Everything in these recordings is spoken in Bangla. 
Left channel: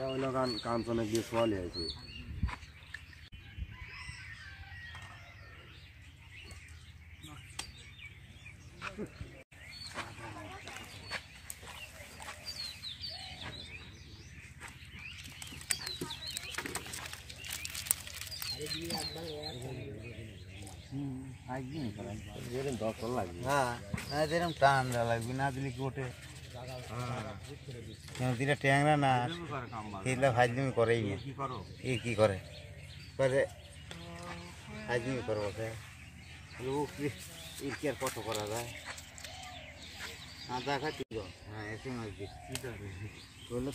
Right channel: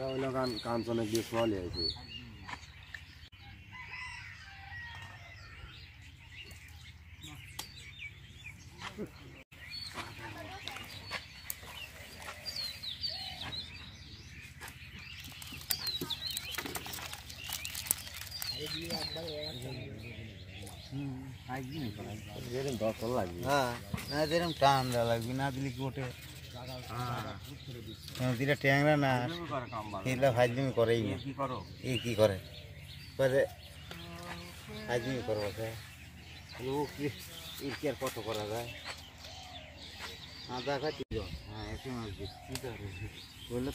ওরা ওই লাগান কাঞ্চনে গিয়ে সোয়ালি আছে টান দেওয়া লাগবে না দিলে কি ওঠে দিলে ট্যাংরা না দিলে ফাইজলিমি করেই না এই কি করে ফাইজলিমি করবো কি আর কত করা যায় আদা খাচ্ছি হ্যাঁ একটু মাছ দিচ্ছি বললে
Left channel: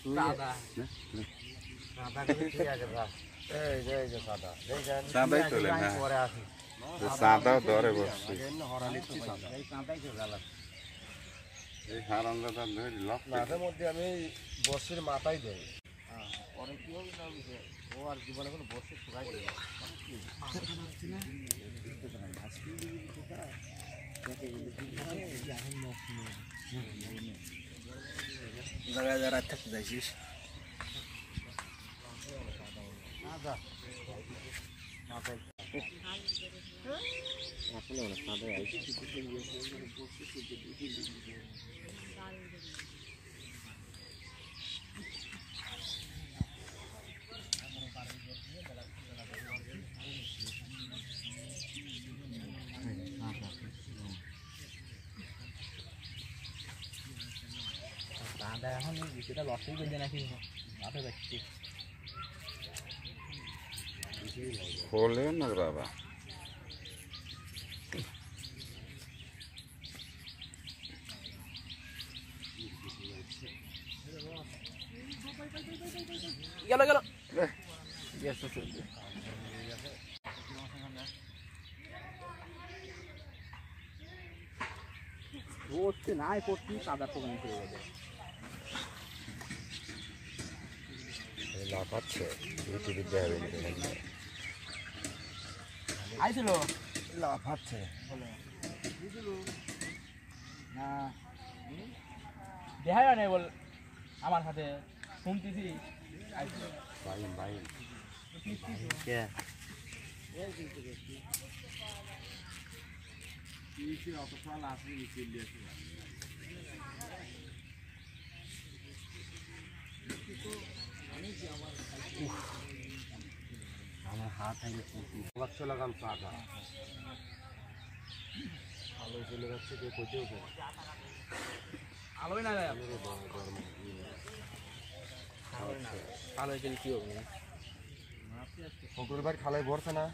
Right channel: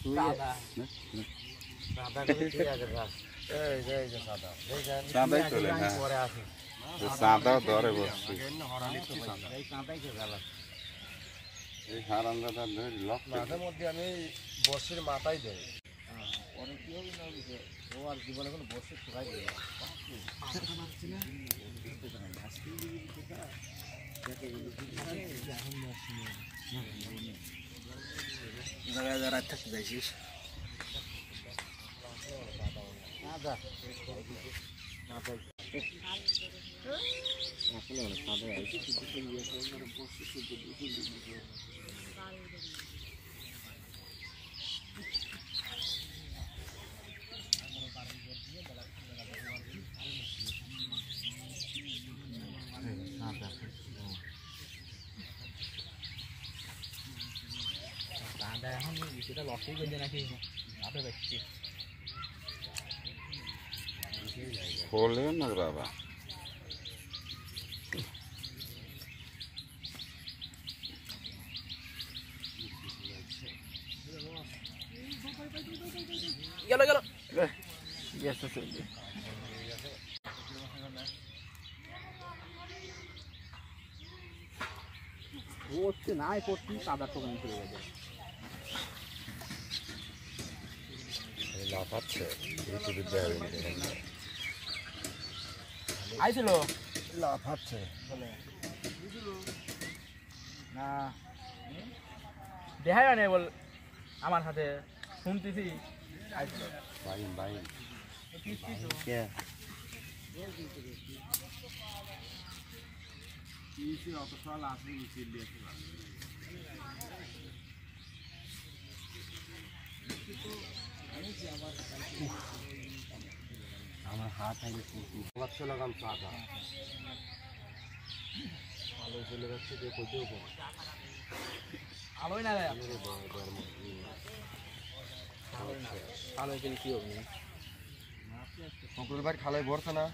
তুই সাদাও ধরে বসছে এই হারামজাদা ধরে লক মাঝে মধ্যে আমি বর্ষের মাথায় দেয় ও আর জীবনে কোনো বর্ষ শুকাই দেয় রাত থাকতে যাইছিস এখন সেটা লসই করবে নাকি মাঠে যাচ্ছি খোলে না বাবা গেল গেল হচ্ছে নাই করছি কাদার তো চলে যাবে লাফাচ্ছে ঋতুবিদ্যা হবে আইছিল লাফাচ্ছে না দেখাই নাই বল আমার সাথে শুনতেছি বাইন বাইন আমার হাত আছে লাগাম সাদা আলো চলে যাচ্ছে কেউ কোথাও পাবে আলোই না আলোয় গেলে কি হবে শঙ্করবার খালায় ভরছে না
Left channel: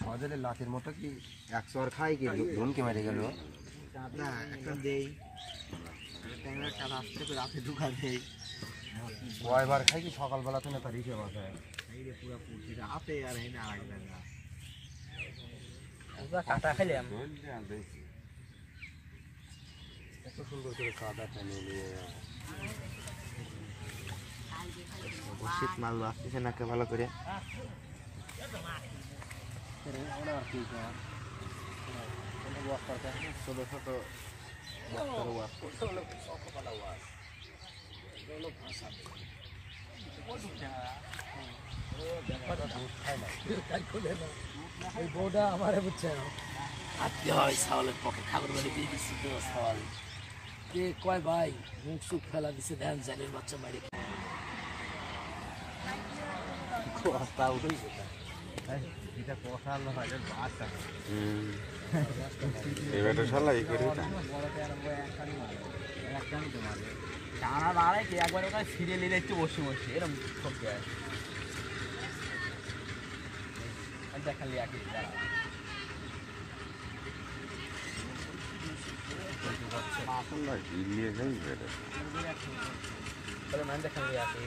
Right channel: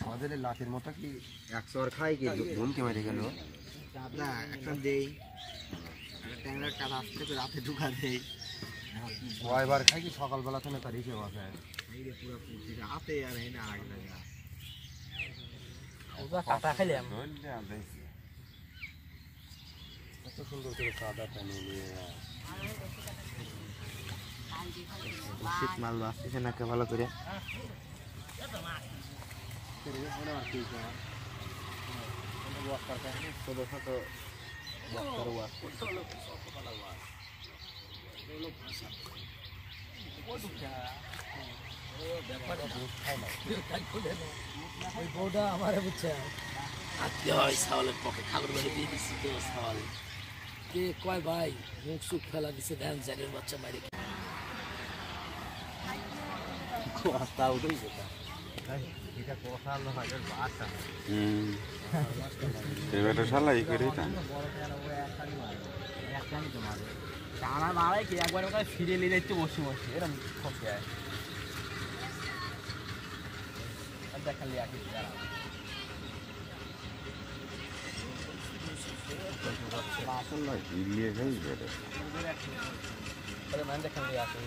সদের লাতের মতো কি 100 আর খাই কি ধুমকে মেরে গেল দেই রাতে ঢুকা দেই কয়বার খাই কি সকালবেলা থেকে তার হিসেব আছে রাতে আর কাটা খাইলে এত সুন্দর করে সাদা টানিয়ে নিয়ে শীত মাল আসতেছে না কে ভালো করে ছোট ছোট বক্তার ওয়াশ করছে আমার বুঝছে কয় ভাই মুখ সুখ ফেলা দিছে ধ্যান জানের বাচ্চা মারে এবারে শালাই করি টানা বাড়ে কি একবার ওখানে ফিরে নিয়ে যাচ্ছে বসে বসে এরকম ঠকে দেখালি আর কিছু ইলিয়ে যাই বেড়ে মন দেখালি আছে